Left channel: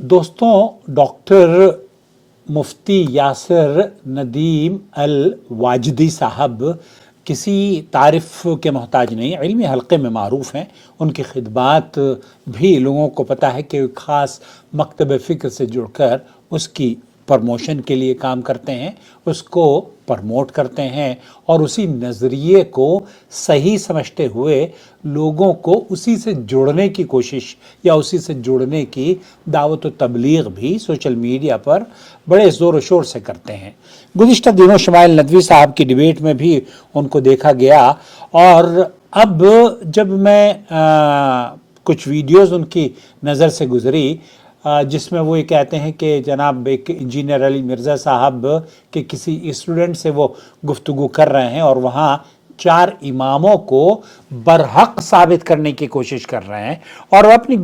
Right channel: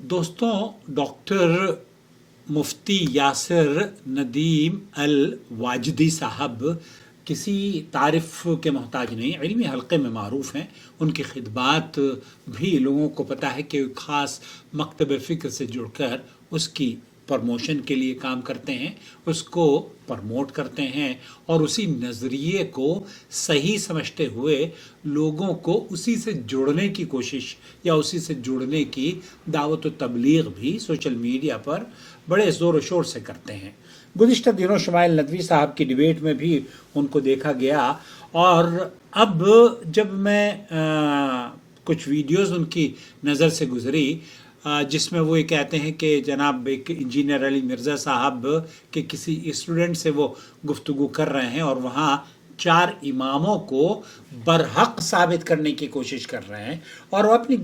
دوستوں، ڈاکٹر مفتی یاسر ندیم الواجدی صاحب کسی تعریف کے محتاج نہیں، علمی حلقے میں معروف ہیں۔ ان کی خدمات بھی لوگوں کو پتہ ہے کہ ایک خاص مکتب فکر سے جڑ کر اس کی پروموشن کے لیے کام کرتے ہیں، اس کو پرموٹ کرتے ہیں اور اسی نظریے کو صحیح سمجھتے ہوئے لوگوں کو اسی سے جوڑنے کی کوشش یا اسی سے جوڑنے کی دعوت و تبلیغ بھی سوشل میڈیا پر بڑے زور و شور سے کرتے ہیں۔ گزشتہ دنوں شمائل ندوی صاحب کی ڈیبیٹ میں بھی ان کو دیکھا گیا، اور اب جب میں کچھ ویڈیوز ان کی نظر سے گزری جس میں وہ یہ کہتے ہیں کہ جناب ایک انجینئر علی مرزا صاحب کے کسی اسٹوڈنٹ سے وہ گفتگو کر رہے ہیں اور وہاں 4 اماموں کو برحق ثابت کرنے کی کوشش کر رہے ہیں، اور وہ اپنی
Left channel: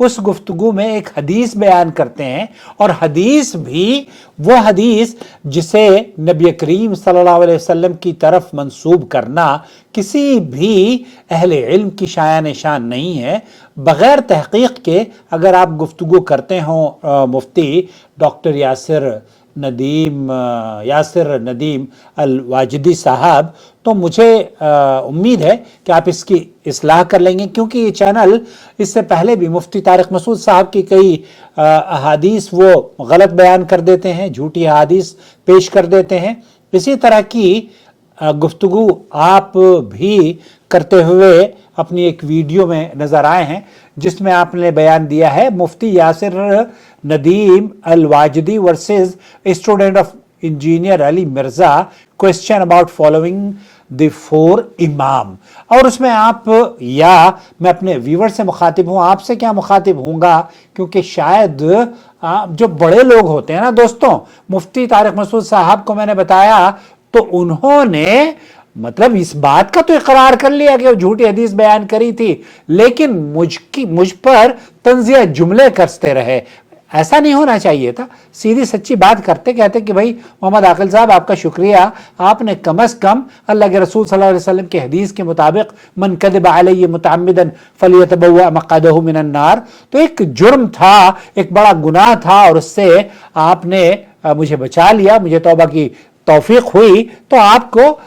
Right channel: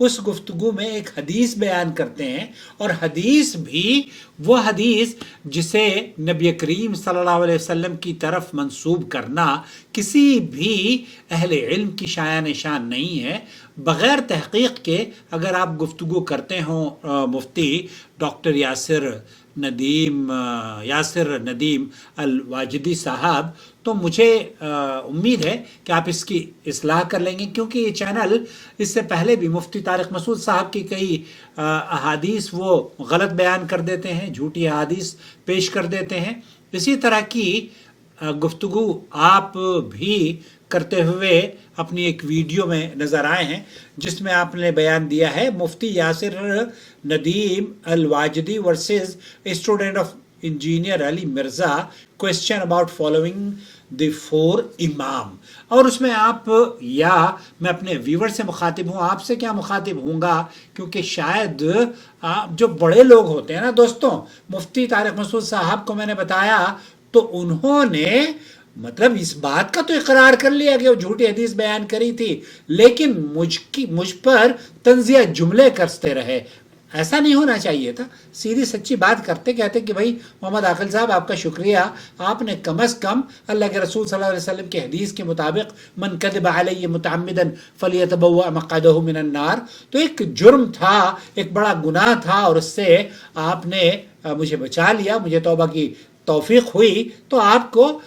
اس گفتگو میں ایک حدیث بیان کرتے ہیں، اور حدیث بھی وہ حدیث جسے نبی کریم صلی اللہ علیہ وسلم کی طرف منسوب کرنا کسی بھی اہل علم کی شایع نشان نہیں ہے۔ بغیر تحقیق کے اگر آپ گفتگو کرتے ہوں مفتی ڈاکٹر یاسر ندیم الواجدی صاحب، تو مجھے امید ہے کہ آپ اس کی اصلاح کر لیں گے، کیونکہ یہ چینل اس سے پہلے بھی مفتی طارق مسعود صاحب کی کئی احادیث وہ غلط بیان کر دیتے ہیں، جھوٹی احادیث پیش کر دیتے ہیں۔ اسی طرح کی گفتگو آپ بھی کرتے ہوئے اپنی ایک ویڈیو میں نظر آئے ہیں، جس میں آپ نے بیان دیا ہے Mufti Yasir Nadeem Alwajidi versus student of engineer Ali Mirza, question about following the 4 امام۔ اور اس میں آپ، یا میں اپنے ویور سے مخاطب ہوں، آپ سے کیا مخاطب ہوں گا، کیونکہ شاید جو بڑے لوگ ہوتے ہیں نا دوستوں، مفتی طارق مسعود صاحب کو میں نے بتایا تو انہوں نے مطلب اس بات کا تو اقرار کر لیا کہ وہ جھوٹی حدیث بیان کری تھی، لیکن مجھ پر طنزیہ جملے کرتے رہے۔ ایسا نہیں ہونا چاہیے تھا، سیدھی سچی بات کرتے، کہتے کہ بھائی محمد عاقل صاحب آپ کا شکریہ، آپ نے کم از کم اللہ کے رسول صلی اللہ علیہ وسلم کی حدیث کے مطابق من کذب علی متعمدا فلیتبوأ مقعدہ من النار، تو ایک جرم تھا، ایک بڑا گناہ تھا، اور اس سے آپ نے مجھے بچا لیا، مجھے توبہ کی توفیق ہوئی، تو آپ کو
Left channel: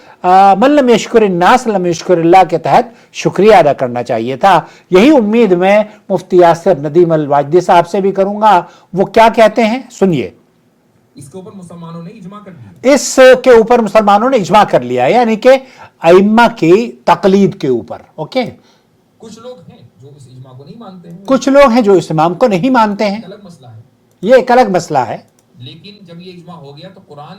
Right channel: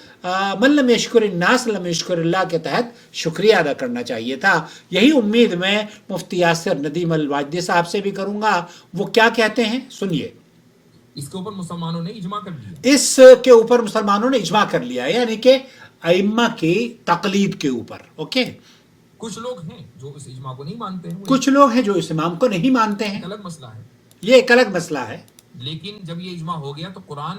من لم یشکر الناس لم یشکر اللہ کے تحت شکریہ ادا کرنا چاہیے تھا۔ یہی امید میں مفتی یاسر ندیم الواجدی صاحب سے بھی کروں گا۔ وہ کیا کہتے ہیں سنیے۔ اس کے اوپر مسلمانوں نے اجماع کر لیا، اس کے اوپر مسلمانوں نے اجماع کر لیا، یعنی کہ ائمہ کی تقلید کے اوپر۔ اوکے، کچھ لوگ ہیں جو اس اجماع کو نہیں مانتے ہیں، کچھ لوگ ہیں جو اس امام کو نہیں مانتے ہیں، الگ مسئلہ ہے، یہ ایک الگ مسئلہ ہے۔ لیکن جب یہ اجماع ہو گیا تو قرآن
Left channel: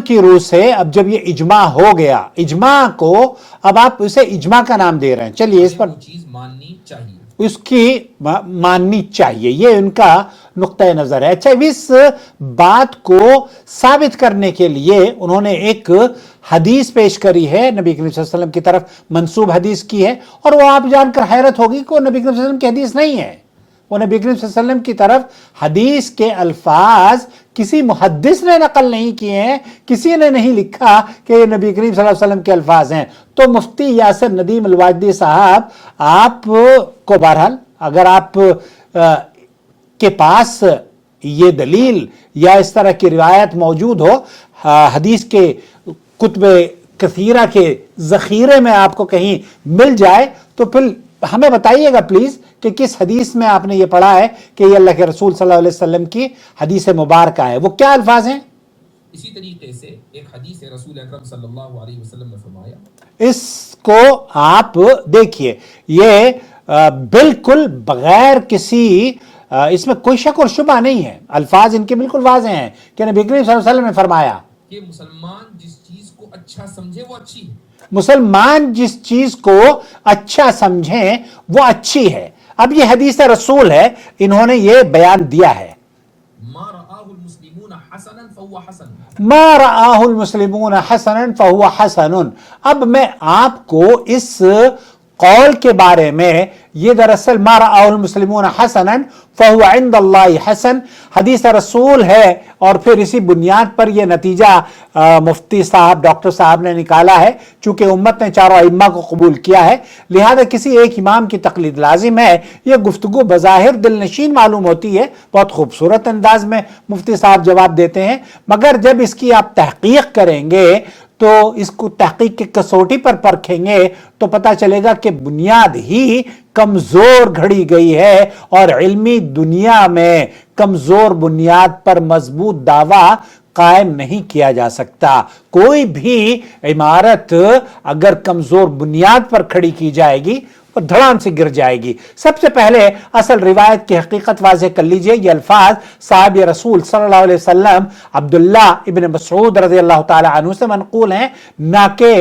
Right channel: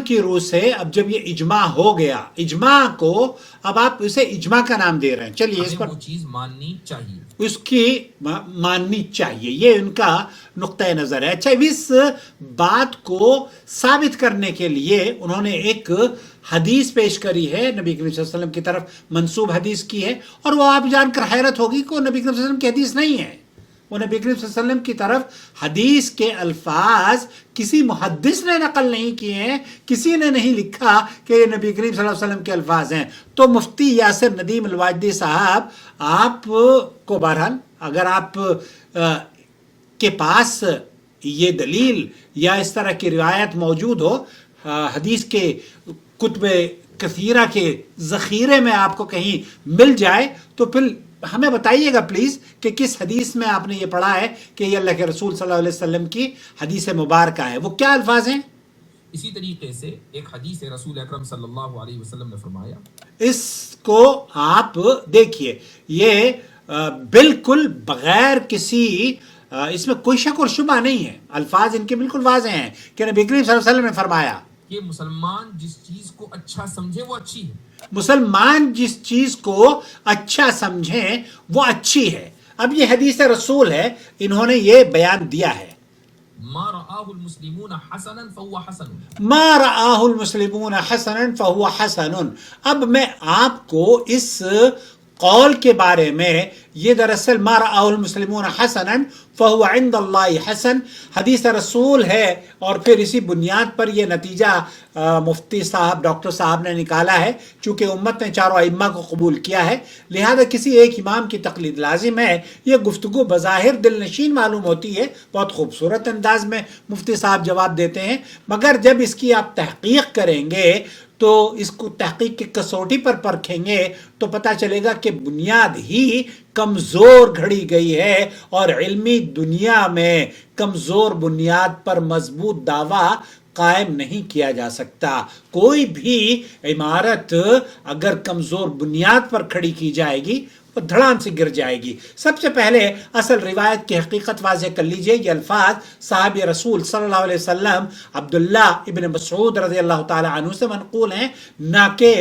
کی روح سے اب جب یہ اجماع ہو گیا، اجماع کو اب آپ اسے اجماع کا نام دے رہے ہیں، چلیے اس پر وہ چیز ماننی چاہیے، اس کی ماننی چاہیے، یہ ان کا نقطہ نظر ہے۔ اچھا، اس بات کو ثابت کرنے کے لیے انہوں نے ایک حدیث پیش کری ہے، نبی کریم صلی اللہ علیہ وسلم کی طرف منسوب حدیث کی ہے، اور وہ آپ جان کر حیرت ہوگی کہ وہ نبی کریم صلی اللہ علیہ وسلم کی حدیث نہیں ہے۔ وہ نبی کریم صلی اللہ علیہ وسلم کی طرف حدیث کے الفاظ کسی محدث نے نقل نہیں کیے ہیں، کسی نے نہیں لکھا کہ یہ نبی کریم صلی اللہ علیہ وسلم کے الفاظ ہیں۔ تو مفتی یاسر ندیم الواجدی صاحب، آپ کو بہرحال اگر آپ کے پاس یہ دلیل یا اس طرح کی روایت موجود ہو، حدیث کے کتب کثیرہ کے ذخیرے میں آپ کو کہیں مل جائے، تو پھر ہمیں بتائیے گا پلیز کہ کس حدیث میں آپ نے یہ پڑھا ہے کہ یہ اللہ کے رسول صلی اللہ علیہ وسلم کی حدیث مبارکہ ہے، وہ کیا الفاظ ہیں؟ اسی طریقے سے ایک حدیث رسول اکرم صلی اللہ علیہ وسلم نے فرمایا، اس کو آپ دیکھیے، یہ بالکل بغیر کسی اس میں کوئی شک اور شبہ نہیں ہے، الفاظ ان کے بالکل واضح ہیں کہ نبی کریم صلی اللہ علیہ وسلم نے فرمایا کہ مسلمان جس چیز کو اچھا سمجھے وہ اچھی ہے، مسلمان جس چیز کو اچھا سمجھیں وہ اچھی ہے۔ اب یہ حدیث رسول ہے، انہوں نے یہ بیان دیا ہے، ما رآہ المسلمون حسنا فهو حسن، ما رآہ المسلمون حسنا فهو حسن۔ اب میں آپ کو اس قول کے بارے میں یہ دراصل ما رأى المسلمون حسنا فهو عند اللہ حسن حدیث رسول ہے، اور پھر اسی بنیاد پر یہ نتیجہ مفتی صاحب ڈاکٹر صاحب نے نکالا ہے۔ چونکہ امت نے چاروں ائمہ کو قبول کیا ہے، لہذا کسی ایک امام کی تقلید لازم ہے۔ یہ گفتگو بظاہر دل نشین معلوم ہوتی ہے، بہت خوبصورت انداز میں مفتی صاحب جواب دیتے ہیں، مگر جب اس کی آپ تحقیق کریں گے تو اس کو تحقیق کی کسوٹی پر پرکھیں گے تو پتہ چلے گا کہ بنیاد ہی کمزور گھڑی گئی ہے، اور علمی دنیا میں کمزور بنیاد پر مضبوط دعویٰ قائم نہیں کیا جا سکتا۔ کوئی بھی عمارت اگر کمزور بنیاد پر کھڑی کی جائے گی اور دھڑام سے گر جائے گی۔ سب سے پہلے اصل روایت کی حقیقت واضح کر لیجئے۔ یہ الفاظ صحابی رسول صلی اللہ علیہ وسلم عبداللہ ابن مسعود رضی اللہ تعالی عنہ سے منقول ہیں، نہ کہ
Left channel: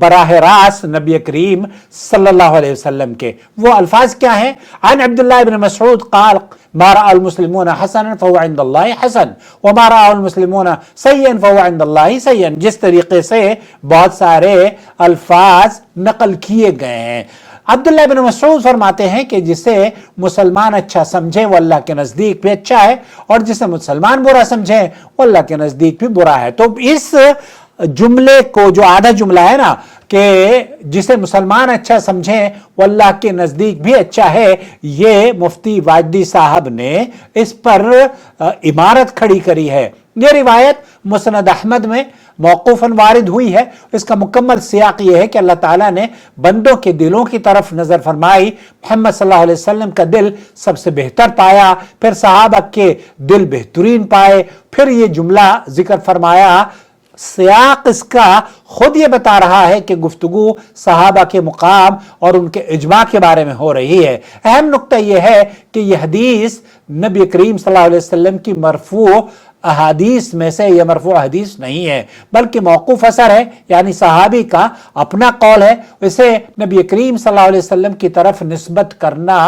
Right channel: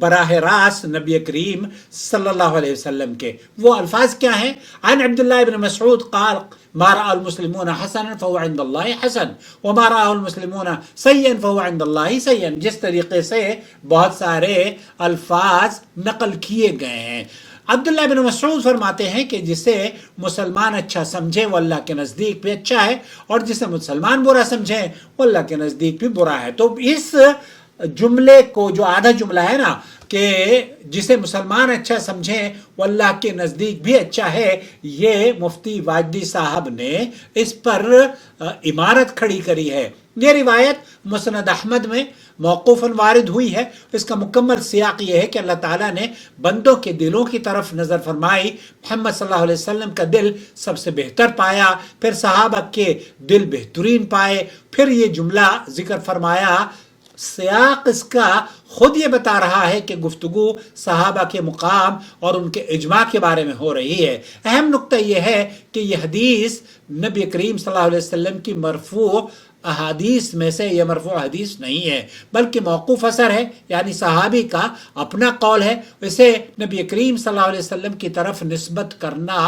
براہ راست نبی کریم صلی اللہ علیہ وسلم کے۔ وہ الفاظ کیا ہیں؟ عن عبداللہ ابن مسعود قال ما رأى المسلمون حسنا فهو عند اللہ حسن وما رأى المسلمون سيئا فهو عند اللہ سيئا۔ جس طریقے سے بہت سارے الفاظ نقل کیے گئے ہیں۔ عبداللہ بن مسعود فرماتے ہیں کہ جسے مسلمان اچھا سمجھے وہ اللہ کے نزدیک بھی اچھا ہے، اور جسے مسلمان برا سمجھے وہ اللہ کے نزدیک بھی برا ہے۔ تو اس جملے کو، جو آدھا جملہ ہے نا کہ جسے مسلمان اچھا سمجھے وہ اللہ کے نزدیک بھی اچھا ہے، یہ مفتی واجدی صاحب نے اس پر عمارت کھڑی کری ہے۔ یہ روایت مسند احمد میں موقوفاً وارد ہوئی ہے۔ اس کا مکمل سیاق یہ ہے کہ اللہ تعالیٰ نے بندوں کے دلوں کی طرف نظر فرمائی، محمد صلی اللہ علیہ وسلم کا دل سب سے بہتر پایا، پھر صحابہ کے دل بہترین پائے، پھر یہ جملہ ذکر فرمایا۔ سیاق اس کا خود یہ بتا رہا ہے کہ گفتگو صحابہ کے مقام اور ان کے اجماع کے بارے میں ہو رہی ہے۔ اہم نقطہ یہ ہے کہ یہ حدیث نبی کریم صلی اللہ علیہ وسلم کی مرفوع احادیث میں سے یہ مرفوع حدیث نہیں ہے، بلکہ موقوف اثر ہے، یعنی صحابی کا اپنا قول ہے، اسے نبی کریم صلی اللہ علیہ وسلم کی طرف نسبت کرنا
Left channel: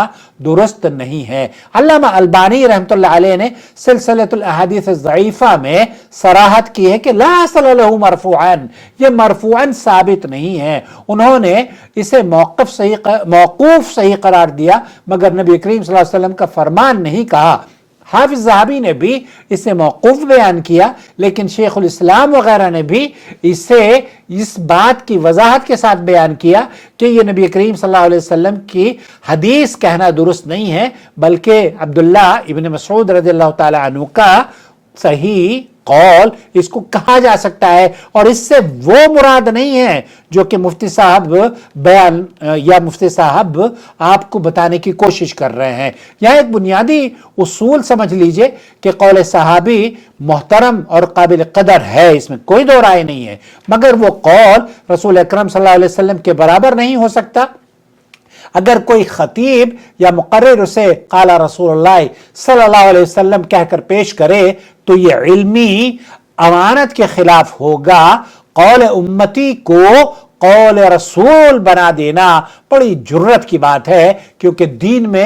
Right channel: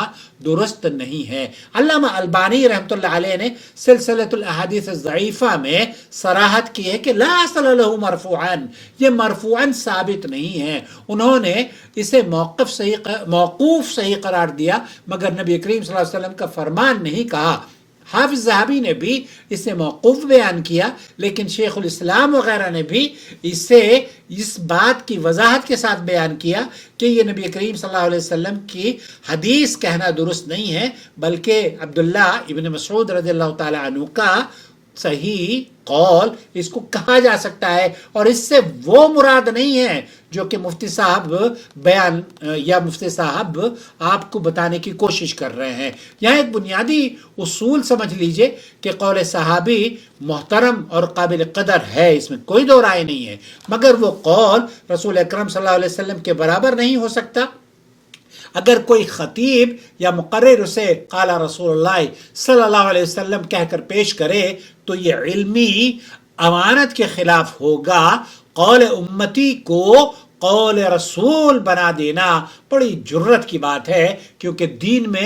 درست نہیں ہے۔ علامہ البانی رحمۃ اللہ علیہ نے سلسلۃ الاحادیث الضعیفہ میں صراحت کی ہے کہ لا اصل له مرفوعا، یہ مرفوعا ثابت نہیں ہے۔ انہوں نے اسے موقوف صحیح قرار دیا، مگر نبی کریم صلی اللہ علیہ وسلم کا فرمان نہیں کہا۔ حافظ ذہبی نے بھی اسے موقوف بیان کیا، لیکن شیخ الاسلام وغیرہ نے بھی اسے اس بات کی وضاحت کے ساتھ بیان کیا کہ یہ نبی کریم صلی اللہ علیہ وسلم کی حدیث کہنا درست نہیں ہے، بلکہ عبداللہ ابن مسعود رضی اللہ تعالی عنہ کا صحیح قول اس کو کہا جا سکتا ہے، اور اس سے وہ مراد نہیں ہے جو کہ مفتی صاحب مفتی صاحب آپ کو بتانے کی کوشش کر رہے ہیں۔ یہاں ایک بنیادی اصول سمجھ لیجئے کہ قول صحابی محترم اور قابل قدر ہے، اس میں کوئی دو رائے نہیں ہے، مگر وہ قول رسول اکرم صلی اللہ علیہ وسلم کے برابر نہیں ہو سکتا۔ اگر کوئی خطیب یا مقرر اسے قال رسول اللہ صلی اللہ علیہ وسلم کہہ کر پیش کرے تو یہ علمی امانت کے خلاف ہوگا۔ قول امتی کو قول رسول بنا دینا بڑی جرت کی بات ہے، کیونکہ دین میں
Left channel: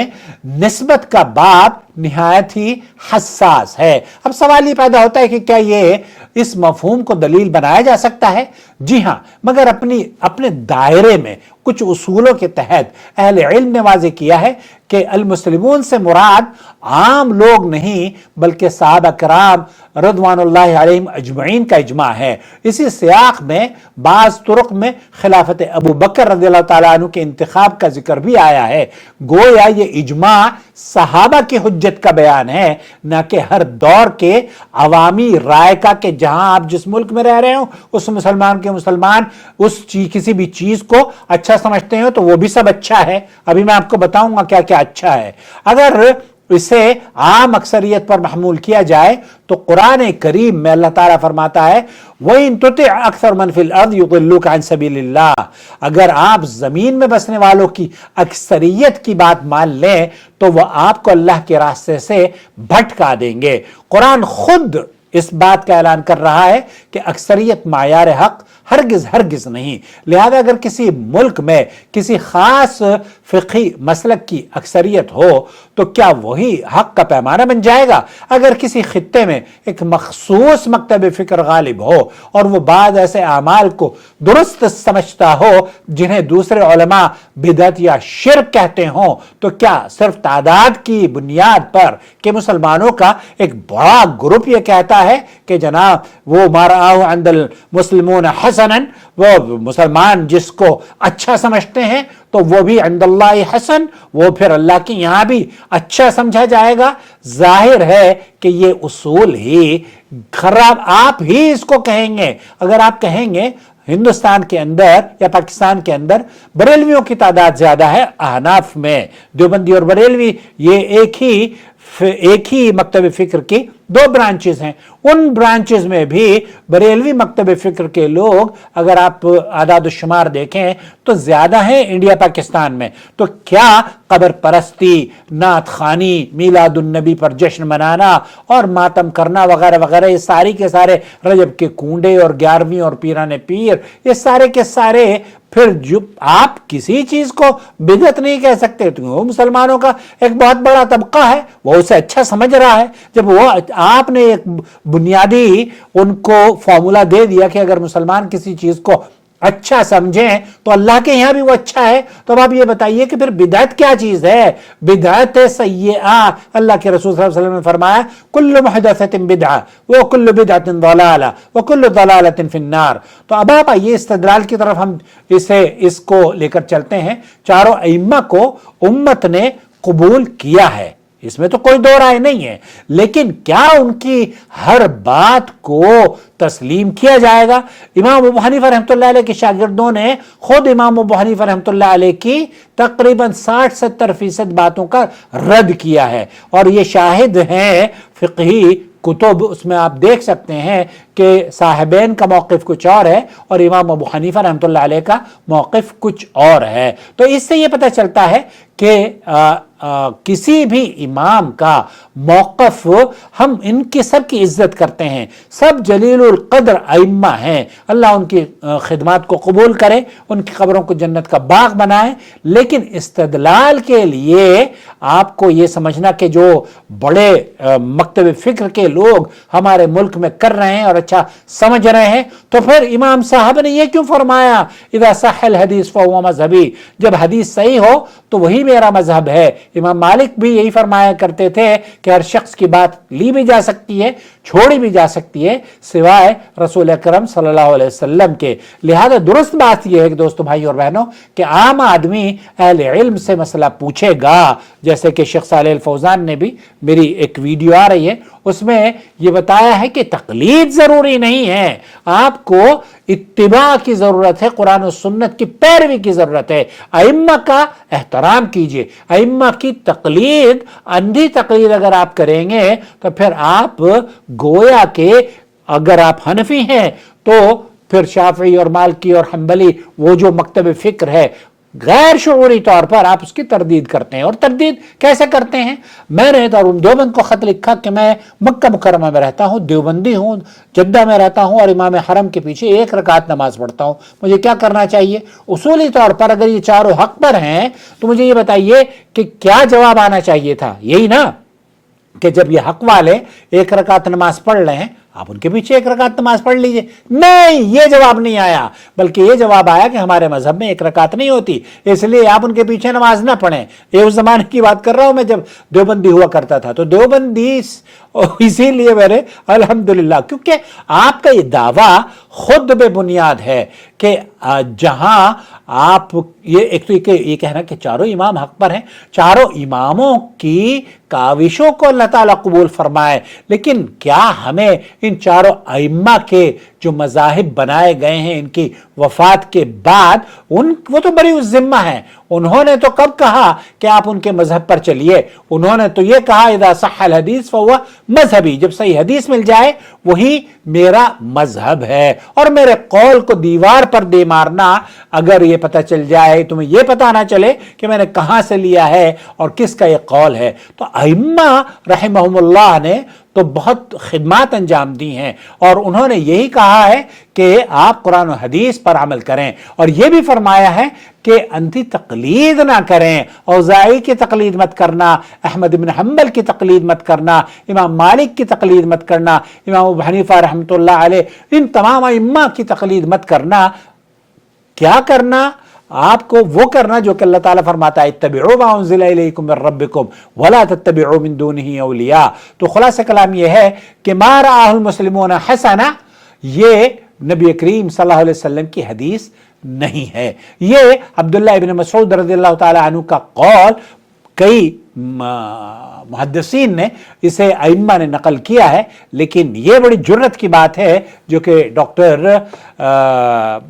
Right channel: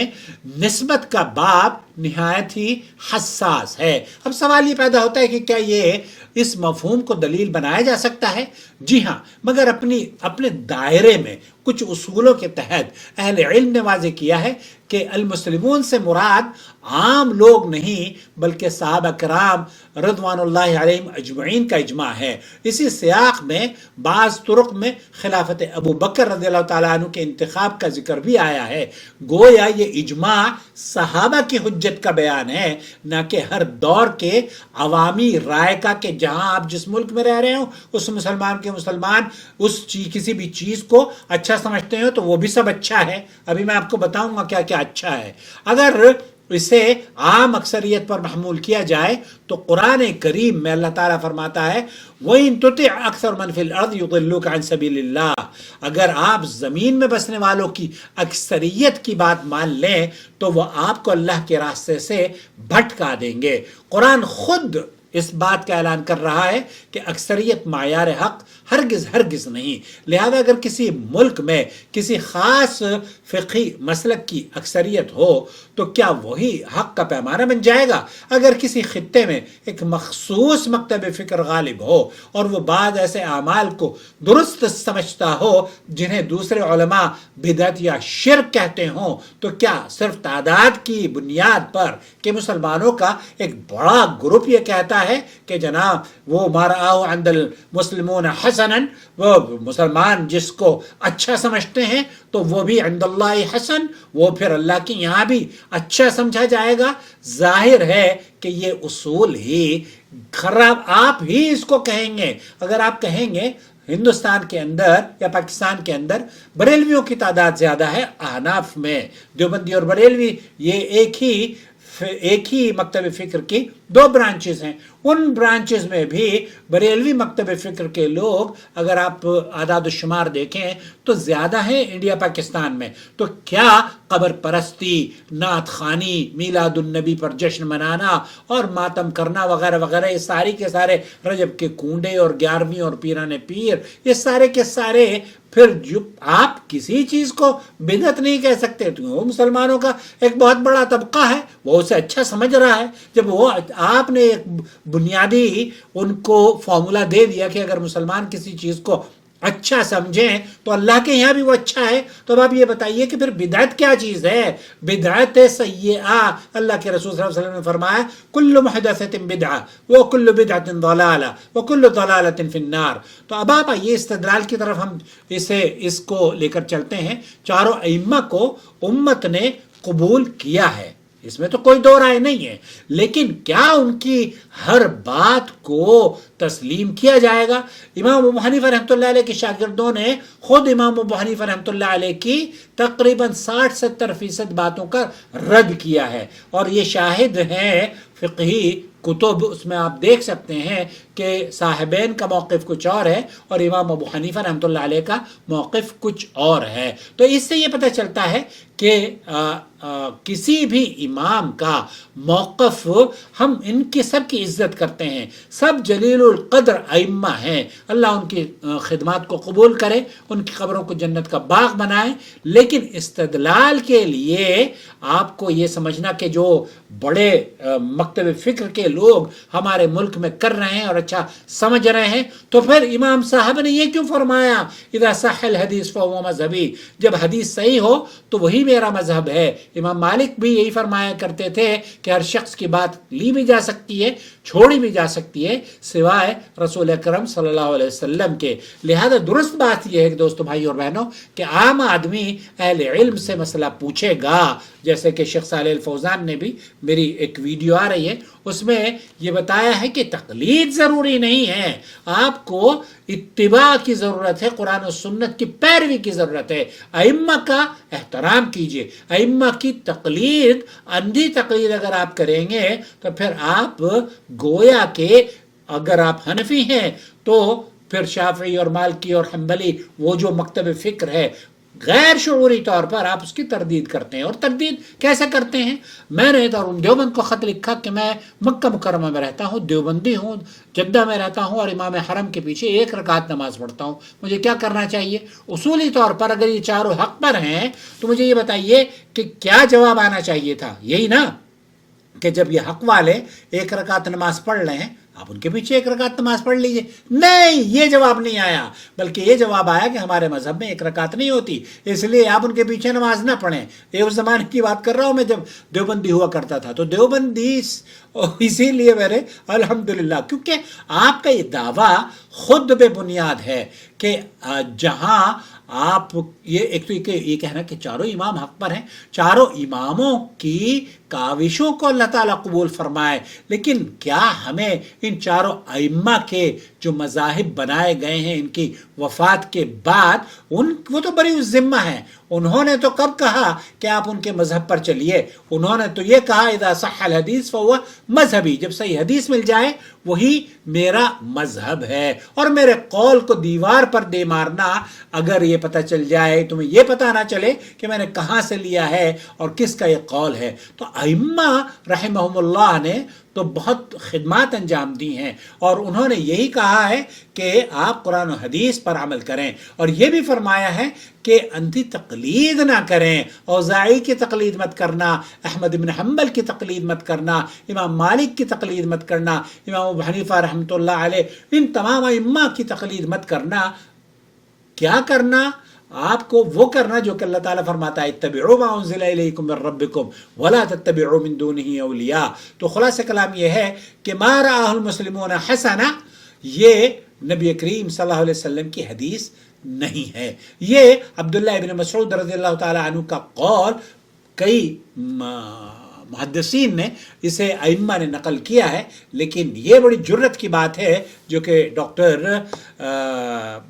نسبت کا باب نہایت ہی حساس ہے۔ اب سوال یہ پیدا ہوتا ہے کہ کیا یہ اس مفہوم کو دلیل بنایا جا سکتا ہے؟ جی ہاں، مگر اپنے دائرے میں کچھ اصولوں کے تحت اہل علم نے واضح کیا ہے کہ المسلمون سے مراد عام لوگ نہیں بلکہ صحابہ کرام رضوان اللہ علیہم اجمعین کا اجماع ہے۔ اسی سیاق میں بعض طرق میں خلافت ابو بکر رضی اللہ تعالیٰ عنہ کے انتخاب کا ذکر بھی آیا ہے۔ گویا یہ اجماع صحابہ کی حجت کا بیان ہے، نہ کہ ہر دور کے عوامی رائے کا، کہ جہاں آپ جس ملک میں رہ رہے ہوں اس مسلمان کسی بھی چیز کو اچھا سمجھتے ہیں تو وہ بھی سب اچھا ہے۔ ابھی میں آپ کو بتاؤں گا کیا کیا اچھا ہے۔ اگر اسے عام اکثریت پر محمول کیا جائے تو قرآن کریم میں اللہ تعالیٰ فرماتا ہے وَإِن تُطِعْ أَكْثَرَ مَنْ فِي الْأَرْضِ يُضِلُّوكَ عَنْ سَبِيلِ اللَّهِ، اگر آپ زمین میں بسنے والوں کی اکثریت کی بات مان لیں تو وہ آپ کو اللہ کے راستے سے بھٹکا دیں گے۔ قرآن خود اس بات کا اعلان کر رہا ہے کہ اکثریت معیار حق ہرگز ہرگز نہیں۔ لہذا اگر کسی ملک میں کسی خاص فقہی مسلک کی اکثریت ہو تو کیا وہی حق کا پیمانہ بن جائے گا؟ اگر کسی خطے میں ایک مخصوص مکتب فکر غالب ہو اور وہ بعض ایسے اعمال کو درست سمجھتا ہو جنہیں دوسرے علماء بدعت یا شرک کہتے ہوں، تو کیا صرف تعداد کی بنیاد پر کہ مسلمانوں کا ایک بڑا گروپ یہ کہتا ہے کہ جناب وہ مارعاہ عند المسلمون حسنا، وہ مسلمان جس کو اچھا سمجھتے ہیں تو وہ بھی عند اللہ حسن، وہ پھر اللہ کے یہاں بھی اچھا سمجھا جائے گا؟ ظاہر ہے کہ یہ اصول ہی خراب، آپ ہی اس کو کہیں گے۔ اگر آپ کہیں گے ہندوستان کے اندر یا پاکستان کے اندر بریلویوں کی تعداد زیادہ ہے احناف میں، دیوبندی اور بریلوی یہ ایک ہی مکتب فکر کی دو برانچز ہیں، ان برانچز میں بھی بریلوی مکتب فکر کے لوگ اگر آپ اعداد و شمار دیکھیں تو زیادہ ہیں انڈیا پاکستان میں، تو کیا قبر پرستی، نعت خوانی، میلاد النبی پر جشن منانا اور ماتم کرنا وغیرہ وغیرہ، یہ ساری کے سارے رجب کے کنڈے اور 11ویں اور پیران پیر، یہ سارے کے سارے پھر جو آپ کسی چیز کو بدعت نہیں کہہ سکتے، تو وہ مسلمانوں کا ایک بہت بڑا طبقہ ہے، وہ اسے اچھا سمجھ رہا ہے۔ جب وہ آپ نے ایک بنیادی ان کو فارمولا دے دیا کہ اگر مسلمان کسی چیز کو اچھا سمجھیں تو اللہ کے یہاں بھی وہ اچھا ہے، تو اب آپ یہ بتائیے کہ پھر بدعت کیا چیز ہے؟ بدعت سیئہ، اللہ کے رسول صلی اللہ علیہ وسلم نے فرمایا کل محدثۃ بدعہ وکل بدعۃ ضلالہ وکل ضلالۃ فی النار۔ تو اب آپ آئیے استدلال کی طرف، ہم اس کو لے کر چلتے ہیں۔ چاروں ائمہ کو امت نے قبول کیا ہے، اس میں تو کوئی دو رائے نہیں ہے، لیکن کیا ان کی ہر بات کو تسلیم کیا جائے گا؟ امام ابو حنیفہ رحمۃ اللہ علیہ کے شاگردوں نے خود امام ابو حنیفہ رحمۃ اللہ علیہ کی تقریباً 60-70% باتوں کا رد کیا ہے، اور یہ شاہد ہیں فقہی کتب، اس میں آپ دیکھ سکتے ہیں کہ صاحبین کا موقف کچھ اور ہے اور امام ابو حنیفہ رحمۃ اللہ علیہ کا موقف کچھ اور ہے۔ تو اس سے یہ پتہ چلتا ہے کہ کسی بھی امام کا موقف، ہم ان کی سب کی عزت کرتے ہیں، سب جلیل القدر ائمہ ہیں، اللہ ان کی خدمات کو قبول کرے، ان کی قبروں کو جنت کا باغ بنائے، لیکن استدلال کے لیے آپ کو یہ سمجھنا کہ جو بڑے مکتب فکر کے لوگ ہمارے ملک میں کر رہے ہیں اور اچھا سمجھ رہے ہیں، تو پھر امام صاحب نے یہ کیوں فرمایا اذا صح الحدیث فهو مذہبی، جب حدیث صحیح ہو تو وہی میرا مذہب ہے۔ امام مالک بھی یہی فرمایا کرتے تھے کہ ہر شخص کی بات لی بھی جا سکتی ہے، چھوڑی بھی جا سکتی ہے، سوائے رسول اکرم صلی اللہ علیہ وسلم کے۔ لہذا درست بات یہ ہے کہ دوستو، بھائی اور بہنوں، کہ عام آدمی اہل علم سے مسئلہ پوچھے گا، جیسے کہ شیخ صالح الفوزان نے بھی، میری ایک ویڈیو آ رہی ہے اس میں یہ بتایا ہے کہ تقلید ضروری نہیں ہے، آپ کو اتباع کی ضرورت ہے، قرآن و سنت کی پیروی کی ضرورت ہے، ائمہ کا احترام کیجئے۔ ائمہ کی تقلید، اندھی تقلید اگر آپ کریں گے تو پھر آپ گویا کہ اگر آپ حنفی ہیں تو پھر شافعی اور مالکی اور حنبلی، وہ جو مکتب فکر ہے، غیر شعوری طور پر آپ اس کی تردید کرتے ہیں۔ اور تردید کیسے کرتے ہیں؟ میں نے دارالعلوم دیوبند کو خط لکھا کہ میں مکہ مکرمہ میں رہتا ہوں، دیوبندی ہوں، جدہ میں رہتا ہوں اور امام حرم کے پیچھے 1 رکعت نماز پڑھتا ہوں، مجھے کیا کرنا چاہیے؟ اصولی طور پر اگر یہ چاروں حق پر ہیں تو مجھے یہ بتائیے کہ کیا جواب آنا چاہیے تھا؟ یہی نا کہ جب یہ حق والے 1 رکعت نماز پڑھ رہے ہیں، آپ ان کے پیچھے 1 رکعت نماز پڑھ لیجئے۔ نہیں، یہ جواب نہیں آیا، بلکہ یہ جواب آیا کہ ہمارے مذہب میں 1 رکعت نہیں ہوتی، اس لیے آپ ان کے پیچھے نماز نہ پڑھیں۔ یہ اس زمانے کی بات کر رہا ہوں میں جب دیوبندی ہوا کرتا تھا، تو دیوبندی اسی لیے میرے الحمدللہ، کیونکہ آپ کا یہ دعویٰ خود بے بنیاد ہے کہ جہاں آپ ایک تو یہ کہنا کہ چاروں امام حق پر ہیں، چاروں اماموں کی کاوشوں کو اللہ تعالیٰ قبول فرمائے، لیکن کیا ہمیں ان چاروں ائمہ کے جو مذاہب بنائے گئے ہیں ان کی وفات کے بعد، وہ تو بری الذمہ ہیں، انہوں نے تو کب کہا کہ آپ ان کے مذہب پر چلیے؟ انہوں نے تو یہ کہا اذا صح الحدیث فهو مذہبی، جب صحیح حدیث مل جائے وہی میرا مذہب ہے، اور میرے قول کو دیوار پر دے مارنا، اگر یہ پتہ چل جائے، تمہیں یہ پتہ نہ چلے کہ میں نے کہاں سے لیا ہے اور کس کا یہ قول ہے۔ تو ائمہ رحمہم اللہ نے تو بہت خدمات انجام دی ہیں، اور انہوں نے یہی کہا ہے کہ آپ قرآن و حدیث پر عمل کریں، اور یہ بھی فرمایا ہے کہ انتی تقلید نہ کریں، اوزاعی کی تقلید مت کرنا، احمد بن حنبل کی تقلید مت کرنا، امام مالک کی تقلید مت کرنا، امام ابو حنیفہ رحمۃ اللہ علیہ، ان تمام ائمہ کی تقلید مت کرنا۔ کیا کرنا؟ آپ کو وہ کرنا جو کہ اللہ تعالیٰ فرماتا ہے اتبعوا ما انزل الیکم من ربکم ولا تتبعوا من دونہ اولیاء۔ تو خلاصہ کلام یہ ہے کہ ما رآہ المسلمون حسنا، یہ نبی کریم صلی اللہ علیہ وسلم کی حدیث نہیں ہے، یہ عبداللہ ابن مسعود رضی اللہ تعالی عنہ کا قول کئی محدثین نے، اسے ائمہ نے نقل کیا ہے، لیکن یہ بڑی جرت کی بات ہے جو کہ ڈاکٹر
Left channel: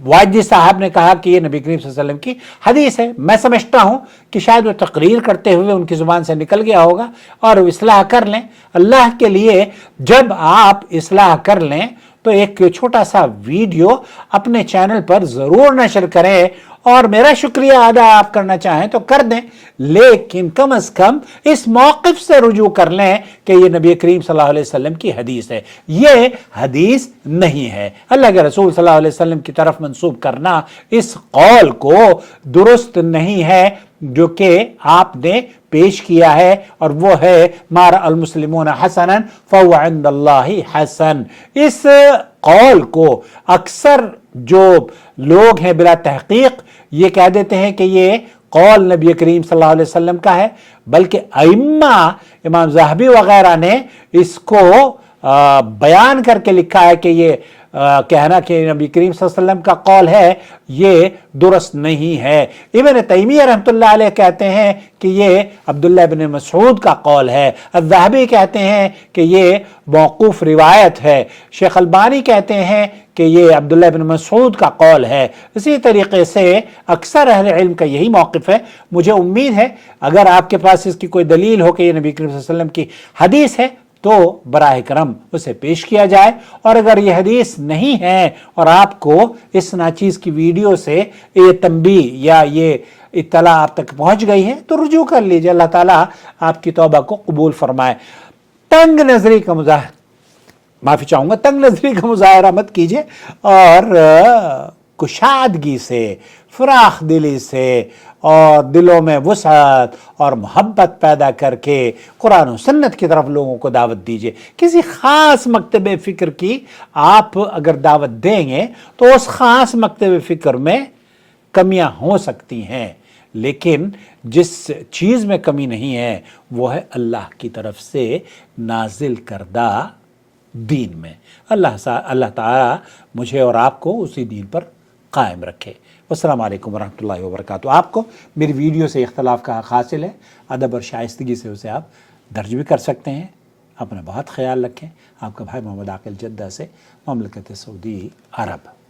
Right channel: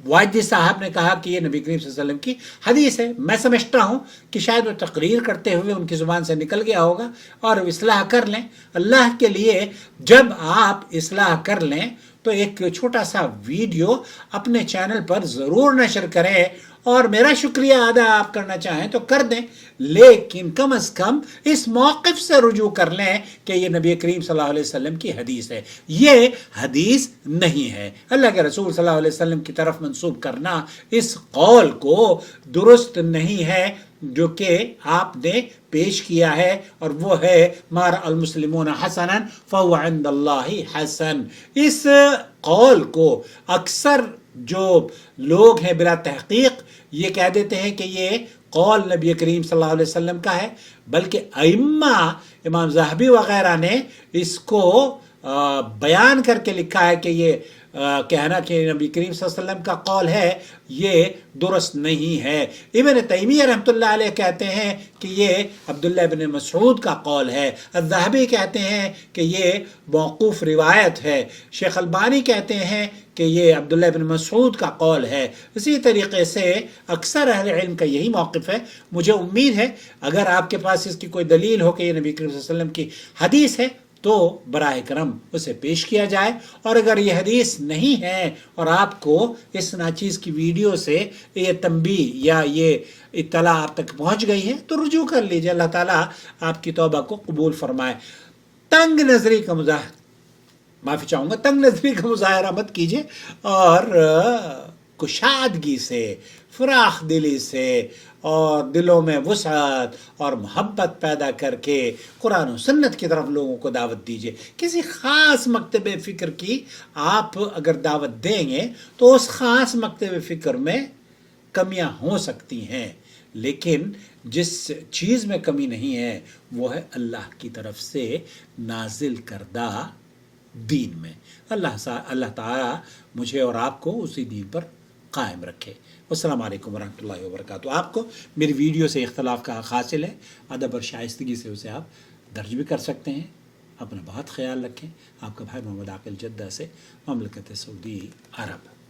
واجدی صاحب نے کہا کہ یہ نبی کریم صلی اللہ علیہ وسلم کی حدیث ہے۔ میں سمجھتا ہوں کہ شاید وہ تقریر کرتے ہوئے ان کی زبان سے نکل گیا ہوگا، اور اصلاح کر لیں اللہ کے لیے۔ جب آپ اصلاح کر لیں تو ایک چھوٹا سا ویڈیو اپنے چینل پر ضرور نشر کریں، اور میرا شکریہ ادا آپ کرنا چاہیں تو کر دیں، لیکن کم از کم اس موقف سے رجوع کر لیں کہ یہ نبی کریم صلی اللہ علیہ وسلم کی حدیث ہے، یہ حدیث نہیں ہے۔ اللہ کے رسول صلی اللہ علیہ وسلم کی طرف منسوب کرنا اس قول کو درست نہیں ہے جو کہ آپ نے پیش کیا ہے، اور وہ ہے ما رأى المسلمون حسنا فهو عند اللہ حسن۔ اس قول کو اکثر جو لوگ ہیں بلا تحقیق یہ کہہ دیتے ہیں کہ یہ قول نبی کریم صلی اللہ علیہ وسلم کا ہے، بلکہ ائمہ امام ذہبی وغیرہ نے اس کو بیان کر کے لکھا ہے کہ یہ کہنا کہ نبی کریم صلی اللہ علیہ وسلم کا قول ہے یہ درست نہیں ہے۔ ابن تیمیہ رحمۃ اللہ علیہ کہتے ہیں کہ یہ عبداللہ ابن مسعود کا قول ہے، الذہبی کہتے ہیں کہ یہ موقوف روایت ہے، شیخ البانی کہتے ہیں کہ یہ عبداللہ ابن مسعود کا قول ہے۔ اسی طریقے سے اکثر اہل علم کا یہی موقف ہے۔ مجھے امید ہے اگر آپ کے پاس اس کی کوئی دلیل ہو کہ یہ نبی کریم صلی اللہ علیہ وسلم کی حدیث ہے تو براہ کرم اسے پیش کیا جائے، اور اگر یہ حدیث نہیں ہے اور آپ کو اس ناچیز کی ویڈیو سے یہ تنبیہ یا یہ اطلاع آپ تک پہنچ گئی ہے تو رجوع کر لیجیے، اللہ تعالیٰ آپ کی توبہ کو قبول فرمائے۔ تنگ نظری کا معافی چاہوں گا، تنگ نظری کا مظاہرہ مت کیجیے، اور کشادگی سے، فراخ دلی سے، اور دلوں میں وسعت اور محبت پیدا کر کے قرآن و سنت کی طرف لوگوں کو دعوت دیجیے۔ کسی خاص مکتب فکر کی آپ اگر دعوت دیں گے تو اس خاص مکتب فکر میں کمیاں ہو سکتی ہیں، لیکن جس چیز میں کمی نہیں ہے وہ ہے اللہ کی طرف سے نازل کردہ دین میں۔ اللہ تعالیٰ مجھے اور آپ کو اسی دین پر قائم رکھے۔ السلام علیکم ورحمۃ اللہ وبرکاتہ۔ آپ کو میری ویڈیو سے اختلاف کا حق حاصل ہے، ادب اور شائستگی سے اسے آپ درج بھی کر سکتے ہیں۔ اپنا بہت خیال رکھیں۔ آپ کا بھائی محمد عاقل جدہ سے، مملکت سعودی عرب۔